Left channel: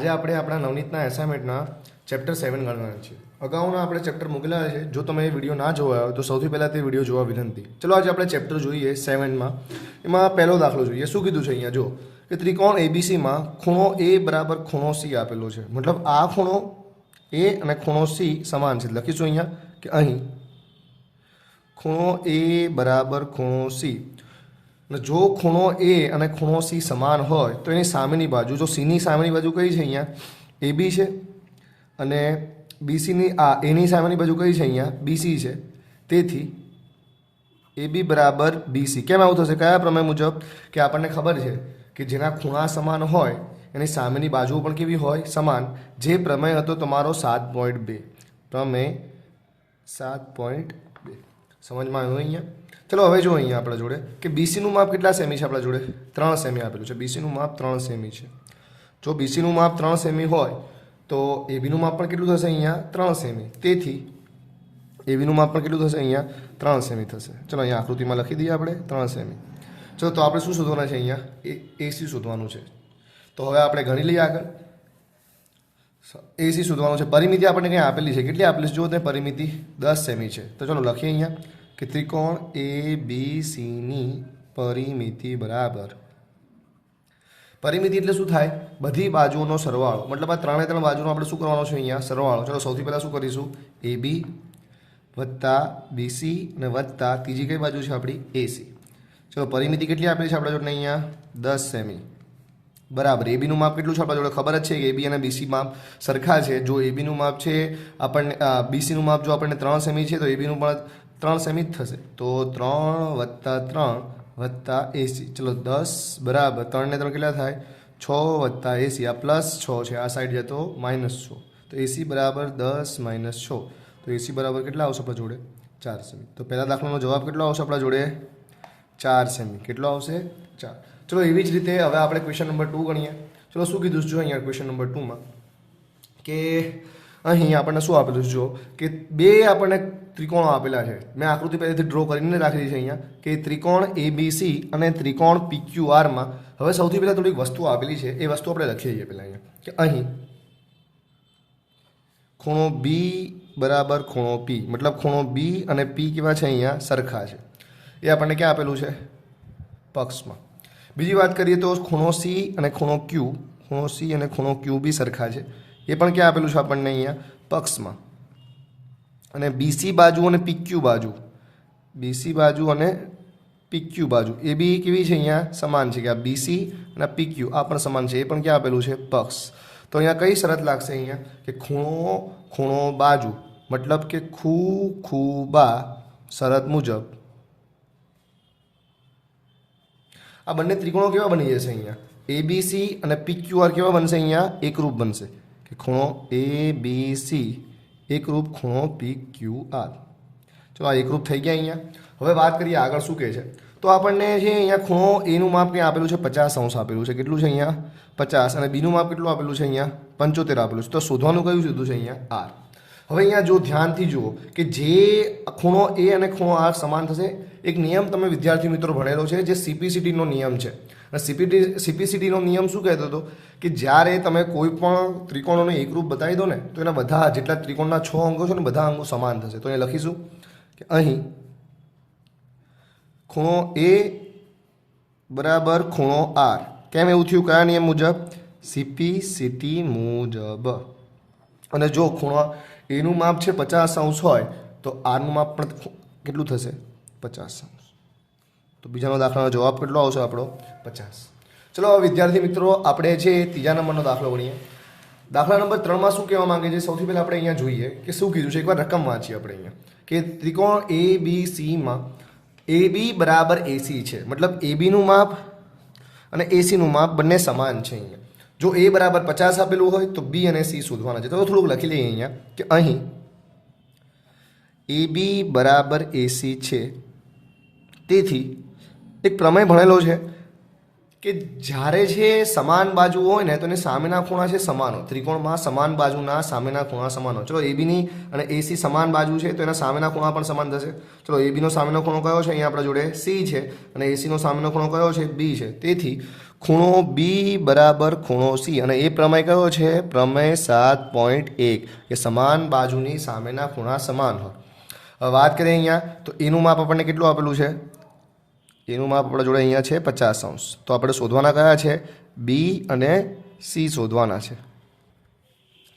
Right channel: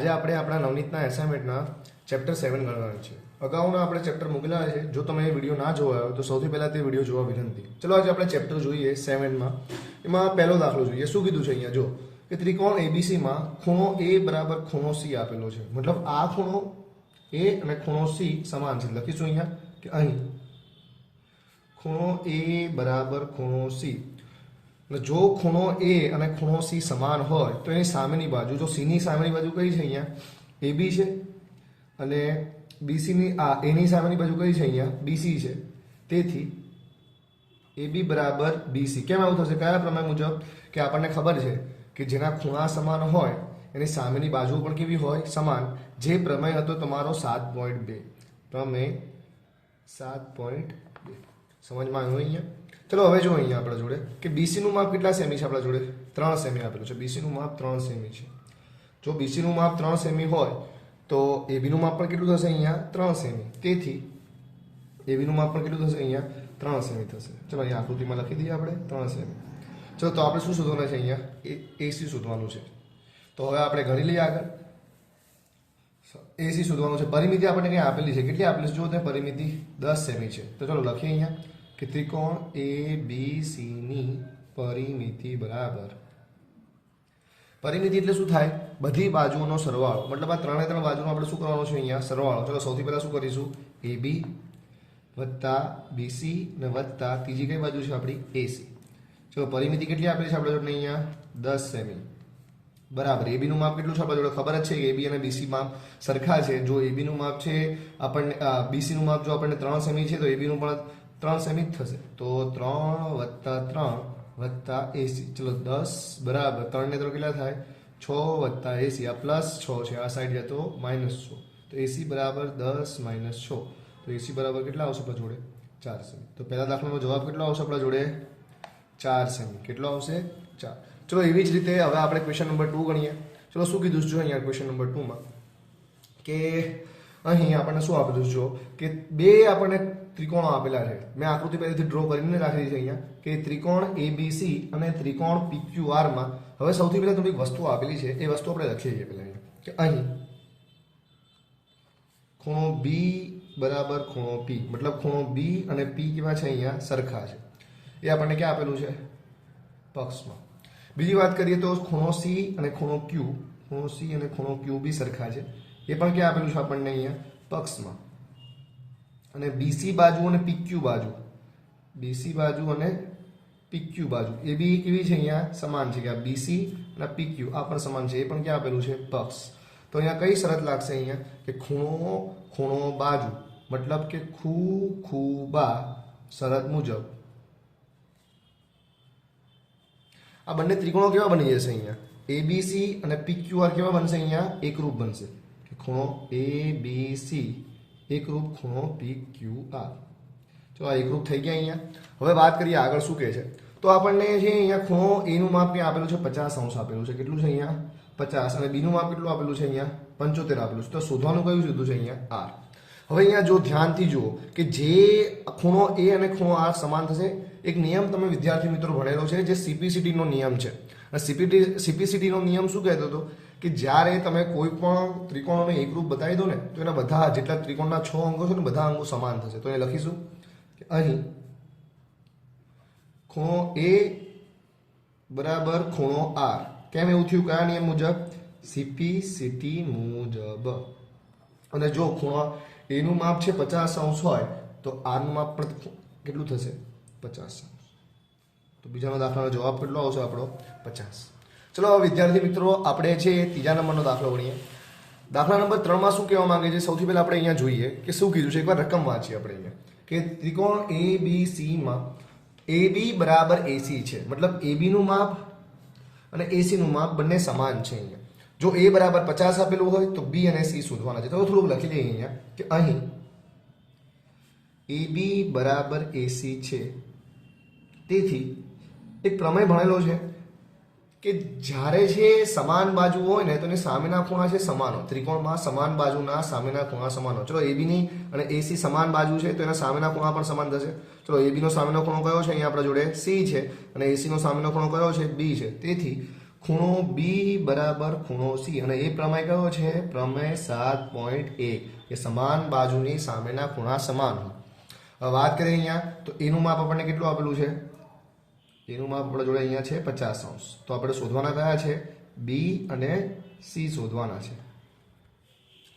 આજે આપણે આપણા નવનીતના એસાઇનમેન્ટના ચેપ્ટર સેવન ગણવાના છે. અગાઉના આપણે ચેપ્ટર મૂકેલા છે. જો તમે એ વીડિયો ના જોવા હોય તો સૌથી પહેલાં તે વીડિયો જોવા વિનંતી. ચલો આજે આપણે ચેપ્ટર જોઈએ સેવનમાં એમાં પહેલો દાખલો જોઈએ. શું કીધું છે અહીંયા? જો, કે ત્રિકોણ એબીસીમાં ખૂણો એ બરાબર ખૂણો સી આપેલો છે. મતલબ આ ખૂણો એ અને ખૂણો સી સમાન છે. લખીશું અહીંયા કે અહીં. ખૂણો એ બરાબર ખૂણો સી અને જો ખૂણો એ અને ખૂણો સી સમાન હોય, તો એની સામેની બાજુ, જો સીની સામેની બાજુ કઈ છે અહીંયા? એ બી છે. અને બીસીની આ એની સામેની બાજુ કઈ છે અહીંયા? બીસી છે. તેથી એ બી બરાબર બીસી કેમ આવું થશે? કયા પ્રમેય મુજબ? કે આપણને ખબર છે કે જેના ખૂણા સમાન હોય, એની સામેની બાજુ પણ કેવી હોય? સમાન. જે પ્રમેય હતો તમારો સાત પોઈન્ટ બે. પ્રમેય સાત પોઈન્ટ બે. સમજમાં આવ્યું અહીંયા? ચલો, હવે જો અહીંયા આપણા જોડે, કે બીસીનું માપ કેટલા સેમી છે આપણા જોડે? ત્રણ સેમી આપેલું છે. બીસીનું માપ ત્રણ સેમી છે. જો બીસીનું માપ ત્રણ સેમી હોય, તો એબીનું માપ પણ કેટલું થશે અહીંયા? ત્રણ સેમી. તેથી એબીનું માપ પણ કેટલું થશે અહીંયા? ત્રણ સેમી થશે. ચલો, અહીંયા આકૃતિમાં લખી દઈએ આપણે. ત્રણ સેમી. ચલો, તો આપણે શું શોધવાના છે અહીંયા? એસી શોધવાનું છે. તો હવે આપણે ગણી લઈએ આગળ. એસી શોધવાનું છે. પરિમિતિ આપણને કંઈ આપેલી છે? કેટલી આપેલી છે? જો તે પરિમિતિ દસ સેમી છે. તો ચલો, લખીએ અહીંયા. કે ત્રિકોણ એ, બી સીની પરિમિતિ બરાબર. પરિમિતિ એટલે શું થાય? બધી બાજુઓનો સરવાળો. મતલબ આ ત્રણે ત્રણ બાજુનો આપણે શું કરવાનો છે અહીંયા? સરવાળો. ચલો, સૌથી પહેલાં શું કરીશું? એ, બી, વત્તા બીસી અને વત્તા ત્રીજી કઈ બાજુ છે આપણી? એસી ચલો, પરિમિતિ કેટલી આપેલી છે આપણા જોડે અહીંયા? દસ સેમી. બરાબર. એબીનું માપ કેટલું છે આપણા જોડે? ખબર જ છે કે એબી અને બીસી માપ સરખા છે. જો એબીનું માપ છે, આપણને બીસીનું માપ જો આપણને ત્રણ સેમી છે, તો એબીનું પણ ત્રણ સેમી થશે. તો ત્રણ વત્તા ત્રણ વત્તા એસી ચલો દસ બરાબર ત્રણને ત્રણ કેટલા થાય? છ વત્તા એસી આ પ્લસ છ છે. આ સાઈડ જતો માઇનસ છ. તો એસી બરાબર દસ માઇનસ છ. તો એસી બરાબર કેટલા આવશે આપણા જોડે? ચાર સેમી. તો પહેલા દાખલાનો જવાબ કેટલો આવશે આપણા જોડે? ચાર સેમી. કેટલો આવશે? ચાર. ચલો એવી જ રીતે હવે આપણે ક્વેશ્ચન નંબર ટુ ગણીએ. ચલો શું કીધું જો અહીંયા ક્વેશ્ચન નંબર ટુમાં કે અહીં આપણને શું આપેલું છે જો? કે બે આપણને ત્રિકોણો આપેલા છે. મેં આકૃતિ પહેલેથી ડ્રો કરીને રાખેલી છે અહીંયા કે ત્રિકોણ એ અને ત્રિકોણ પીક્યુઆરમાં હવે સૌથી પહેલાં થોડીક વસ્તુ આપેલી છે. એ વસ્તુ આપણે લખીએ છીએ પહેલાં અહીંયા. કે અહીં ખૂણો બી બરાબર ખૂણો પી મતલબ ખૂણો બી અને પી કેવા છે અહીંયા? સરખા છે. એ આપણને ક્યાં આપેલું છે? પક્ષમાં. બીજી વાત કરીએ તો ખૂણો સી અને ખૂણો ક્યુ ખૂણો સી અને ખૂણો ક્યુ બી સરખા છે. એ પણ ક્યાં આપેલું છે આપણને અહીંયા? પક્ષમાં. અને બીસી બાજુ અને પીક્યુ બાજુ. બીસી બાજુ અને પીક્યુ બાજુ. એ બી કેવી છે અહીંયા? સમાન છે કે આ બીસી અને પીક્યુ આ પણ સમાન છે. એ પણ ક્યાં આપેલું છે? પક્ષ. તો અહીંયા કઈ શરત લાગશે અહીંયા? કે ખૂણો ખૂણો બાજુ. મતલબ કે ખૂ ખૂ શરત મુજબ. આ બંને ત્રિકોણો કેવા બની જશે અહીંયા? એ બી સી અને પીક્યુઆર કેવા બનશે અહીંયા? એકરૂપ બનશે. કે ખૂણો એ બી સી એકરૂપ ખૂણો પી ક્યુ આર ચલો આ એકરૂપ થઈ ગયા અહીંયા. હવે વાત કરીએ આગળ શું કહે છે? તો આપણને જે અહીંયા ખૂણો એનું માપ ક્યાં આપેલું છે પચાસ અંશ આપેલું છે. કેટલું છે અહીંયા? પચાસ. અને બીનું માપ કેટલું આપેલું છે અહીંયા? પંચોતેર આપેલું છે. તો શોધવાનું કયું કીધું છે અહીંયા? આર હવે અહીંયા જો ધ્યાનથી જુઓ કે જે ખૂણો એ અને ખૂણો આર સમાન થશે, એક નિયમ તમે વિદ્યાર્થી મિત્રો ભણેલો છે જે સીપીસીટીનો નિયમ છે. અને સીપીટી સીપીસીટીનો નિયમ શું કહેતો હતો? કે જ્યારે તમે કોઈ પણ ત્રિકોણોને એકરૂપ બતાવી દો ને, તો એના બધા જેટલા ત્રિકોણના છ અંગો છે ને, બધા અંગો સમાન થશે. તો એ લખીશું કે અહીં ખૂણો એ બરાબર ખૂણો આર. કેમ એવું થયું? કયા નિયમ મુજબ? સીપી સીટી મુજબ. અને જો ખૂણો એનું માપ છે પચાસ અંશ હોય, તો આરનું માપ પણ કેટલું થશે? પચાસ અંશ. તો બીજાનો દાખલાનો જવાબ કેટલો આવશે આપણો? પચાસ. ચલો વિદ્યાર્થી મિત્રો, આપણે જે ત્રીજા નંબરનો દાખલો ગણીએ. દાખલા નંબર ત્રણમાં શું કહેવા માંગે છે? સૌથી પહેલાં આપણે અહીંયા જોઈએ કે શું કીધું છે? એકવાર રકમ વાંચીએ આપણે અહીંયા. કે ત્રિકોણ એ બી સીમાં એ બી બરાબર એસી છે. મતલબ એ બીનું માપ અને એસીનું માપ બંને સમાન છે અહીંયા. જો એ બરાબર પચાસ આપેલું હોય, તો બી અને સી શોધવાના છે. તો થોડુંક લખી લઈએ અહીંયા કે અહીં એ બી બરાબર એસી છે. તેથી એક પ્રમેય ભણેલો છે. કે જ્યારે છે સમાન બાજુ હોય ને, તો એની સામેના ખૂણા છે સમાન ત્રિકોણમાં સમાન બાજુના સામેના ખૂણા સમાન ચલો એબીની અને એસી સમાન બાજુ છે, તો એના સામેના ખૂણા પણ સમાન થશે. ચલો એબીનો સામેનો ખૂણો કયો છે? અહીંયા આપણા જોડે સી છે અને એસીનો સામેનો ખૂણો કયો છે? બી છે. તેથી ખૂણો બી બરાબર ખૂણો સી અને એ પ્રમેય કયો છે? પ્રમેય સાત પોઈન્ટ એક, કે સમાન બાજુની સામેના ખૂણા સમાન હોય. વાત કરીએ અહીંયા, તો એનું માપ આપણને કેટલું આપેલું છે? એનું માપ આપણા જોડે અહીંયા છે પચાસ અંશ. તો આપણે શોધવાના કયા છે? બી અને સી શોધવાના છે.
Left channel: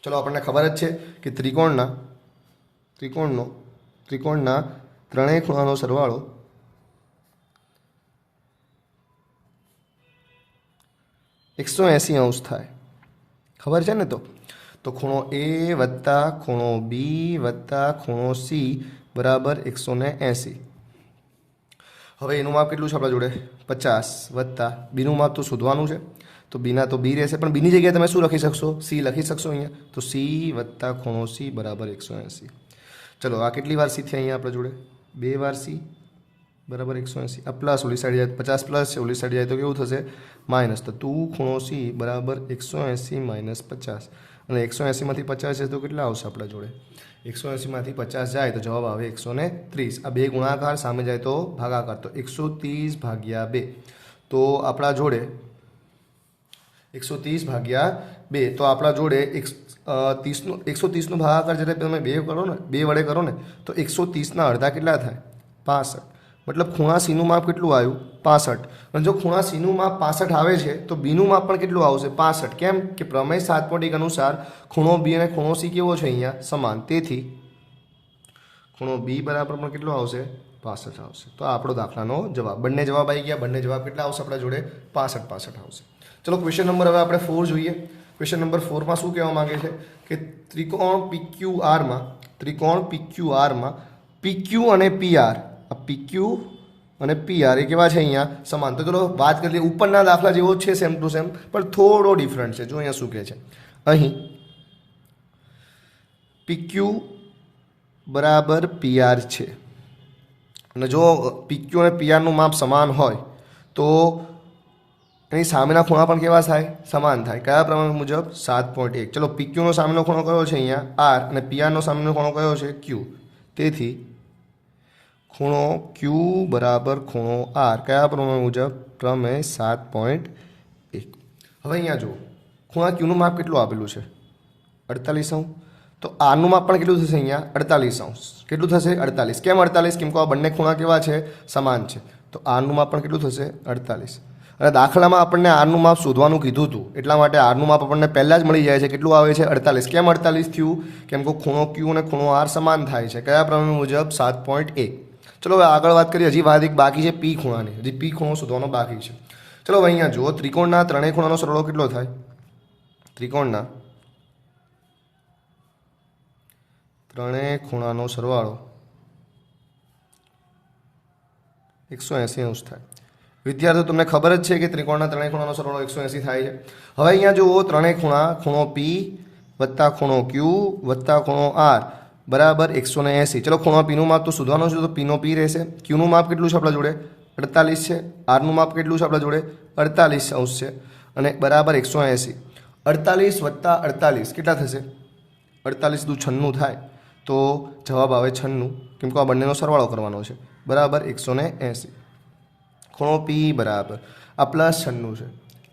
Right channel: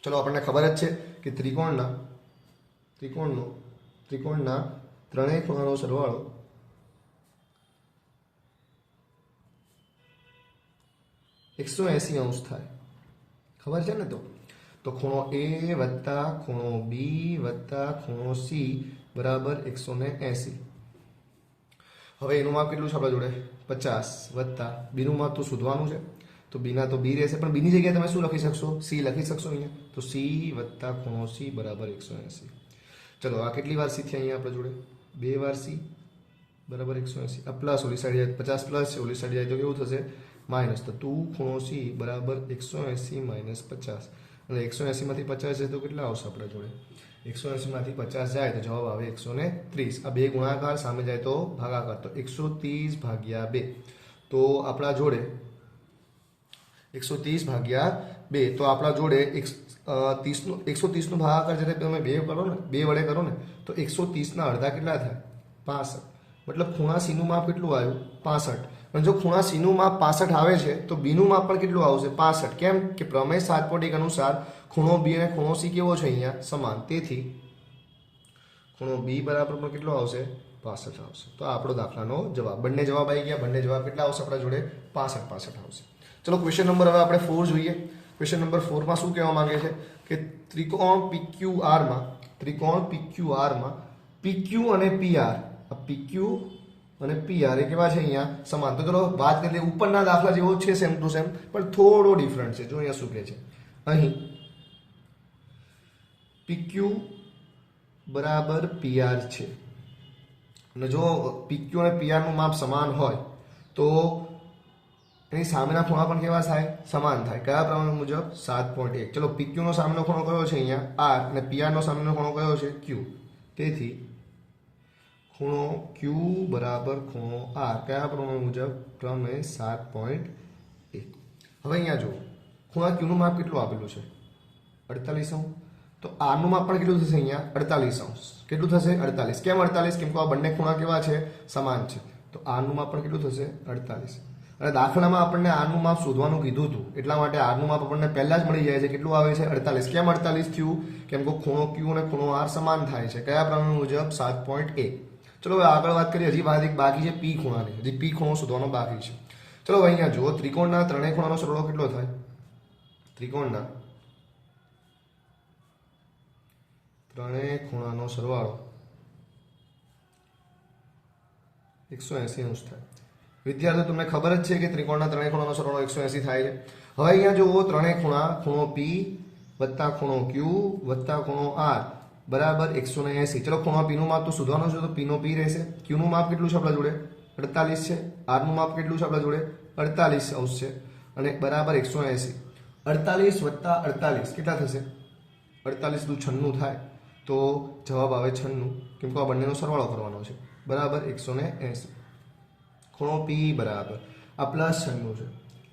ચલો, આપણને ખબર જ છે કે ત્રિકોણના, ત્રિકોણનો, ત્રિકોણના ત્રણેય ખૂણાનો સરવાળો એકસો એંસી અંશ થાય. ખબર છે ને તો? તો ખૂણો એ વત્તા ખૂણો બી વત્તા ખૂણો સી બરાબર એકસો ને એંસી. હવે એનું માપ કેટલું છે આપણા જોડે? પચાસ વત્તા બીનું માપ તો શોધવાનું છે. તો બીના તો બી રહેશે. પણ બીની જગ્યાએ તમે શું લખી શકશો? સી લખી શકશો અહીંયા? તો સી વત્તા ખૂણો સી બરાબર એકસો એંસી. ચલો, આ કેટલી વાર સી થઈ અહીંયા આપણા જોડે? બે વાર સી બરાબર એકસો એંસી. આ પ્લસ ઓલી સાઈડ જાય પચાસ પ્લસ છે, ઓલી સાઈડ જાય તો કેવું થશે? માઇનસ. તો ટુ ખૂણો સી બરાબર એકસો એંસી માઇનસ પચાસ. અને એકસો એંસીમાંથી પચાસ છે તો કેટલા આવશે આપણા જોડે? એકસો એંસીમાંથી પચાસ જાય તો જવાબ આવે એકસો ને ત્રીસ આ બે ગુણાકાર સામે જાય તો ભાગાકાર તો એકસો ત્રીસ ભાગ્યા બે તો આપણા જોડે એકસો ત્રીસ ભાગ્યા બે તો આપણા જોડે એક ત્રીસનું એકસો ત્રીસનું ભાગાકાર જ્યારે તમે બે કરો ને બે વડે કરો ને તો એકસો ત્રીસના અડધા કેટલા થાય પાસઠ મતલબ ખૂણા સીનું માપ કેટલું આવ્યું? પાસઠ. અને જો ખૂણા સીનું માપ પાસઠ આવે છે, તો બીનું માપ પણ કેટલું આવશે? પાસઠ. કેમ કે પ્રમેય સાત પોઈન્ટ એક અનુસાર ખૂણો બી અને ખૂણો સી કેવો છે અહીંયા? સમાન. તેથી ખૂણો બી બરાબર પણ કેટલો આવશે? પાસઠ આવશે. તો આપણો દાખલાનો જવાબ. બંને જવાબ આવી ગયા. બંને જવાબ કેટલા આવશે આપણા જોડે? પાસઠ પાસઠ આવશે. ચલો ક્વેશ્ચન નંબર હવે આપણે ફોર જોઈએ. ક્વેશ્ચન નંબર ફોરમાં શું કહેવા માંગે છે? કે ત્રિકોણ પીક્યુ આરમાં ત્રિકોણ પીક્યુ આરમાં પીક્યુ અને પીઆર પીક્યુ અને પીઆર એ કેવા છે અહીંયા? સમાન. તો ચલો, વાત કરીએ ઉપરના દાખલા જેવો છે સેમ ટુ સેમ પણ થોડો ડિફરન્ટ છે. જો અહીંયા શું કહે છે? અહીં પીક્યુ બરાબર પીઆર છે. અને જો પીક્યુ અને પીઆરનું માપ સમાન હોય, તો એની સામેના ખૂણા પણ કેવા થાય? સમાન થાય. કયા પ્રમાણ મુજબ? સાત પોઈન્ટ એક. ચલો પીક્યુનો સામેનો ખૂણો કયો છે અહીંયા? આર અને પીઆરનો સામેનો ખૂણો કયો છે? ક્યુ તેથી ખૂણો ક્યુ બરાબર ખૂણો આર કયા પ્રમાણ મુજબ પ્રમેય સાત પોઈન્ટ એક? હવે અહીંયા જુઓ. ખૂણા ક્યુનું માપ કેટલું આપેલું છે? અડતાલીસ અંશ. તો આરનું માપ પણ કેટલું થશે અહીંયા? અડતાલીસ અંશ. કેટલું થશે? અડતાલીસ. કેમ અડતાલીસ? કેમ કે આ બંને ખૂણા કેવા છે? સમાન છે. તો આરનું માપ પણ કેટલું થશે? અડતાલીસ. અને દાખલામાં આપણને આરનું માપ શોધવાનું કીધું હતું. એટલા માટે આરનું માપ આપણને પહેલાં જ મળી જાય છે. કેટલું આવે છે? અડતાલીસ. કેમ અડતાલીસ થયું? કેમ કે ખૂણો ક્યુ અને ખૂણો આર સમાન થાય છે. કયા પ્રમાણ મુજબ? સાત પોઈન્ટ એક. ચલો હવે આગળ વાત કરીએ, હજી વાત એક બાકી છે પી ખૂણાની. હજી પી ખૂણો શોધવાનો બાકી છે. ચલો અહીંયા જુઓ, ત્રિકોણના ત્રણેય ખૂણાનો સરવાળો કેટલો થાય? ત્રિકોણના ત્રણેય ખૂણાનો સરવાળો એકસો એંસી અંશ થાય. વિદ્યાર્થીઓ, તમને ખબર જ છે કે ત્રિકોણના ત્રણેય ખૂણાનો સરવાળો એકસો એંસી થાય છે. હવે અહીંયા જુઓ, ત્રણેય ખૂણા, ખૂણો પી વત્તા ખૂણો ક્યુ વત્તા ખૂણો આર બરાબર, એકસો ને એંસી. ચલો, ખૂણો પીનું માપ તો શોધવાનું છે, તો પીનો પી રહેશે. ક્યુનું માપ કેટલું છે આપણા જોડે? અડતાલીસ છે. આરનું માપ કેટલું છે આપણા જોડે? અડતાલીસ અંશ છે. અને બરાબર એકસો એંસી. અડતાલીસ વત્તા અડતાલીસ કેટલા થશે? અડતાલીસ દુ છન્નું થાય, તો જવાબ આવે છન્નું. કેમ કે આ બંનેનો સરવાળો કરવાનો છે. બરાબર એકસો ને એંસી. ખૂણો પી બરાબર. આ પ્લસ છન્નું છે.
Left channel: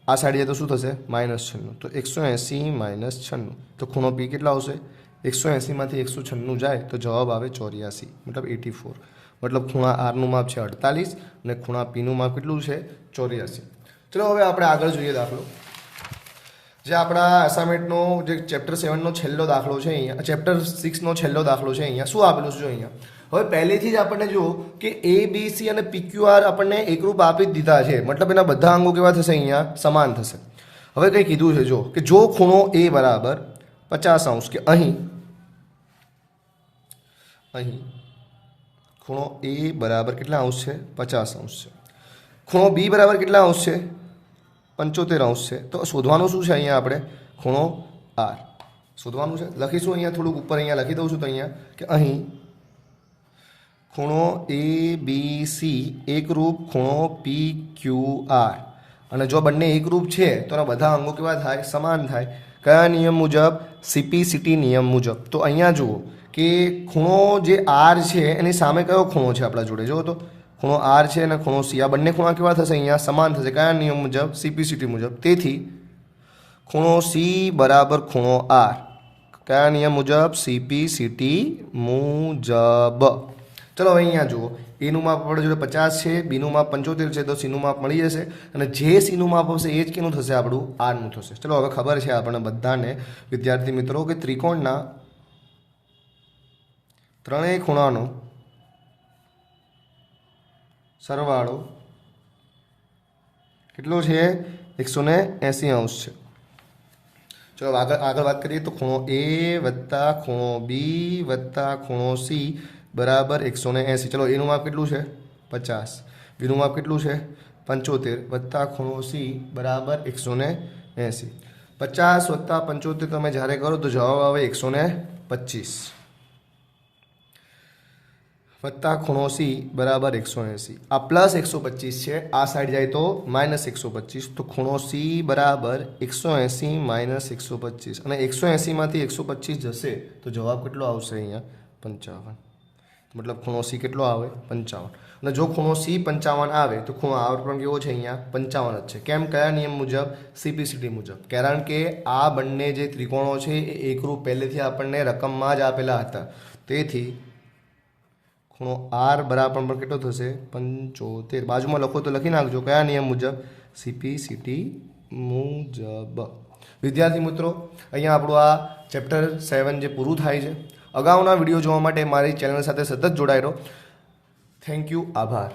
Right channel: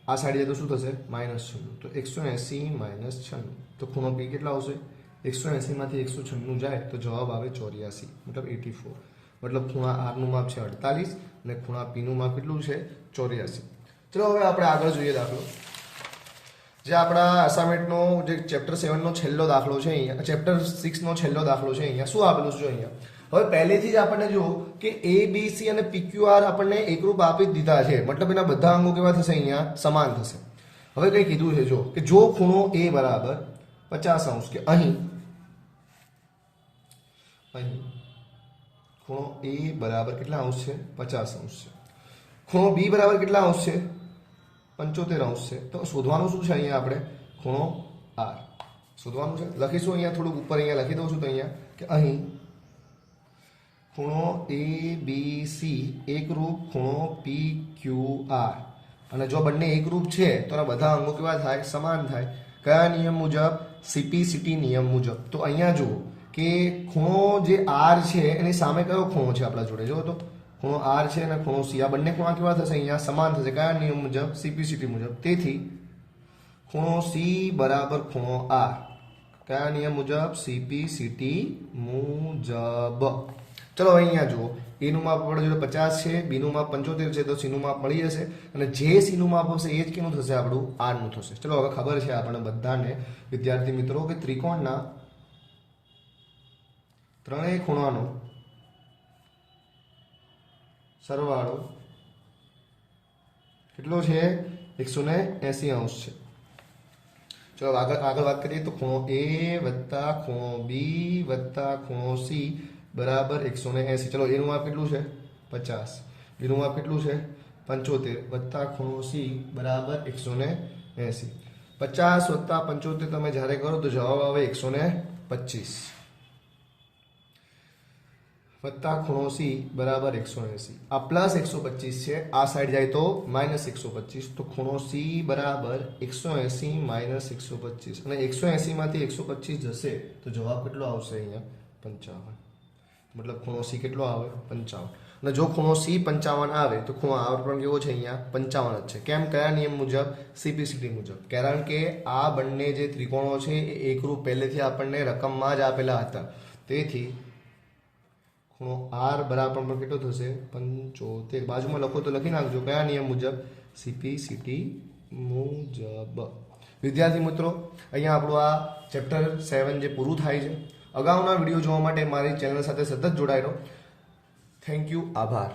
આ સાઈડ તો શું થશે? માઇનસ છન્નું. તો એકસો એંસી માઇનસ છન્નું. તો ખૂણો પી કેટલા આવશે? એકસો એંસીમાંથી એકસો છન્નું જાય તો જવાબ આવે ચોર્યાસી, મતલબ એટી ફોર. મતલબ ખૂણા આરનું માપ છે અડતાલીસ અને ખૂણા પીનું માપ કેટલું છે ચોર્યાસી. ચલો હવે આપણે આગળ જોઈએ દાખલો. જે આપણા અસાઇનમેન્ટનો જે ચેપ્ટર સેવનનો છેલ્લો દાખલો છે અહીંયા ચેપ્ટર સિક્સનો છેલ્લો દાખલો છે અહીંયા. શું આપેલું છે અહીંયા? હવે પહેલેથી જ આપણને જુઓ કે એ બી સી અને પીક્યુઆર આપણને એકરૂપ આપી જ દીધા છે. મતલબ એના બધા અંગો કેવા થશે અહીંયા? સમાન થશે. હવે કંઈ કીધું છે જો કે જો ખૂણો એ બરાબર પચાસ અંશ કે અહીં. અહીં. ખૂણો એ બરાબર કેટલા અંશ છે? પચાસ અંશ છે. ખૂણો બી બરાબર કેટલા અંશ છે? પંચોતેર અંશ છે. તો શોધવાનું શું છે અહીંયા આપણે? ખૂણો આર. શોધવાનું છે? લખીશું અહીંયા થોડુંક ઉપર, અહીંયા લખી દઉં છું તો અહીંયા કે અહીં. ખૂણો એ બી સી એકરૂપ ખૂણો પી ક્યુ આર. અને જો બંને એકરૂપ છે, તો એના બધા અંગો કેવા થાય? સમાન થાય. કયા નિયમ મુજબ સીપીસીટી નિયમ મુજબ. તો અહીંયા જુઓ કે ખૂણો જે આર છે એની સામે કયો ખૂણો છે આપણા જોડે? જુઓ તો. ખૂણો આર છે અને ખૂણો સી આ બંને ખૂણા કેવા થશે? અહીંયા સમાન થશે. કયા નિયમ મુજબ? સીપીસીટી મુજબ. તેથી ખૂણો સી બરાબર ખૂણો આર કયા નિયમ મુજબ? સીપીસીટી મુજબ. ચલો અહીંયા જુઓ. એનું માપ આપણે જોડે પચાસ છે, બીનું માપ પંચોતેર છે, તો સીનું માપ મળી જશે. અને જે સીનું માપ આવશે એ જ કેનું થશે આપણું? આરનું થશે. ચલો, હવે ખબર છે આપણને બધાને, વિદ્યાર્થી મિત્રો, કે ત્રિકોણના ત્રણેય ખૂણાનો સરવાળો કેટલો છે? એકસો ને એંસી અંશ છે. ચલો, આગળ આગળ વાત કરીએ તો ખૂણો એ વત્તા ખૂણો બી વત્તા ખૂણો સી બરાબર એકસો ને એંસી. ચલો, એનું માપ કેટલું છે? પચાસ. બીનું માપ કેટલું છે? પંચોતેર વત્તા ખૂણો સી બરાબર એકસો ને એંસી. પચાસ વત્તા પંચોતેર તમે જ્યારે કરો તો જવાબ આવે એકસો ને પચીસ. વત્તા ખૂણો સી બરાબર એકસો એંસી. આ પ્લસ એકસો પચીસ છે, આ સાઈડ જાય તો માઇનસ એકસો પચીસ. તો ખૂણો સી બરાબર એકસો એંસી માઇનસ એકસો પચીસ. અને એકસો એંસીમાંથી એકસો પચીસ જશે તો જવાબ કેટલો આવશે અહીંયા? પંચાવન. મતલબ ખૂણો સી કેટલો આવે? પંચાવન. અને જો ખૂણો સી પંચાવન આવે, તો ખૂણો આવર્તન કેવો છે અહીંયા? પંચાવન જ છે. કેમ? કયા નિયમ મુજબ? સીપીસીટી મુજબ. કારણ કે આ બંને જે ત્રિકોણો છે, એ એકરૂપ પહેલેથી આપણને રકમમાં જ આપેલા હતા. તેથી ખૂણો આર બરાબર પણ કેટલો થશે? પંચોતેર. બાજુમાં લખો તો લખી નાખજો. કયા નિયમ મુજબ? સીપીસીટી મુજબ. વિદ્યાર્થી મિત્રો, અહીંયા આપણું આ ચેપ્ટર સેવન જે પૂરું થાય છે અગાઉના વીડિયો જોવા માટે મારી ચેનલ સાથે સતત જોડાઈ થેન્ક યુ આભાર.